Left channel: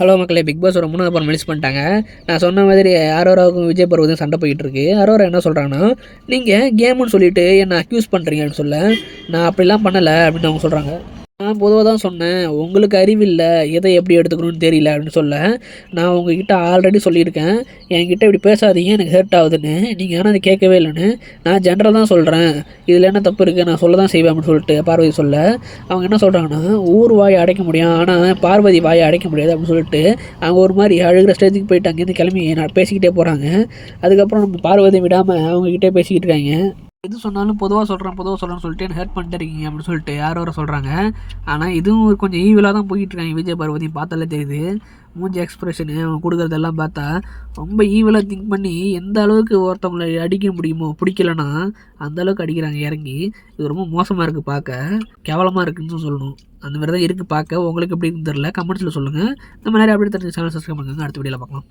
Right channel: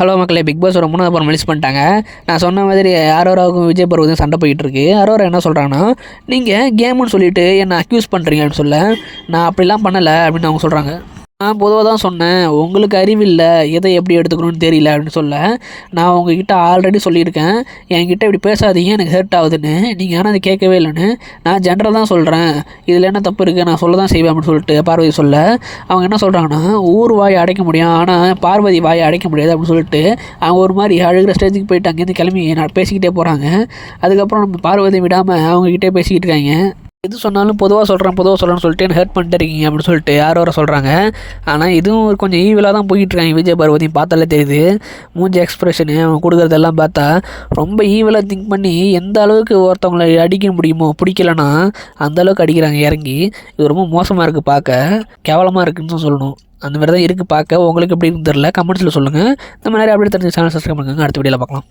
Hello மக்களே big pass ஒரு மூணாவது படம் ரிலீஸ் பண்ணிட்டாங்க. நான் சொன்ன மாதிரி அரோராவுக்கும் விஜய் பருவதும் சண்டை போயிட்டு இருக்கு. அரோரா என்ன சொல்கிறாங்கன்னா நீங்கள் கேமுன்னு சொல்லிட்டு என்னை அக்யூஸ் பண்ணுறீங்கன்னு சொல்ல. நான் அப்படிலாம் பண்ணலை அப்படின்னு அவங்க சொல்கிறாங்க நான் பொதுவாக தான் சொன்னேன் உங்களுக்கு அறிவில்லை எதை எப்படி எடுத்துக்கணும்னு தெரியல அப்படின்னு சொல்ல நான் உங்ககிட்ட ஆல்ரெடி சொல்லியிருக்கேன். என்கிட்ட இப்படி பேசாதீங்க எனக்கு ஹர்ட் ஆகுதுன்னு. நீங்கள் ஆனால் அதை கேட்கவே இல்லைன்னு நான் ஜென்ரல் தான் சொல்கிறேன் இதில் என்ன தப்பு இருக்குது நான் சொல்ல தான் செய்வேன் அப்படின்னு சொல்லிட்டு பார்வதி சொல்ல அவங்க என்ன சொல்கிறாங்கன்னா ஊர் வாயை அடைக்க முடியும் ஆனால் பார்வதி வாயை அடைக்க முடியாது அப்படின்னு சொல்லிட்டு அவங்க ஒரு மாதிரி அழுகிற ஸ்டேஜுக்கு போயிட்டு அங்கேருந்து கிளம்பி நான் பேசிக்கிட்டே போகிறாங்க அதுக்கப்புறம் நம்ம பார்வதி விடாமல் அவங்கக்கிட்டே பேசிக்கிட்டு இருக்காங்க. எது சொன்னாலும் பொதுவாக சொல்கிறேன் பொதுவாக சொல்கிறேன்னு சொல்லிட்டு என்ன ஹர்ட் பண்ணிட்டு இருக்கீங்க அப்படின்னு சொல்லிட்டு யாரோ வர சொல்கிறாங்க ஆனால் இதுவும் கொஞ்சம் ஈவிலாக தான் போயிட்டு இருக்காங்க. விஜய் பார்வதியும் பார்த்தாலே தெரியுது. மூஞ்சி எக்ஸ்பிரஷனு அவங்க கொடுக்குறதெல்லாம் பார்த்தா ரொம்ப ஈவிலாக திங்க் பண்ணி எந்த அளவுக்கு ஒருத்தவங்களை அடிக்க முடியுமோ பிடிக்கலன்னா அந்த அளவுக்கு அடிக்கிறாங்க இறங்கி. இது ரொம்ப மோசமாக இருக்குது பார்க்க. கேவலமாக இருக்குன்னு தான் சொல்லணும். அந்த மாதிரி தான் இருக்குது பார்க்க. உங்களுக்கு எப்படி தெரில கமெண்ட்ஸில் சொல்லுங்கள் இந்த மாதிரி அப்படியே தெரிஞ்ச சேனல் சப்ஸ்கிரைப் பண்ணுங்க. அடுத்த வீடியோவில் பார்க்கலாம்.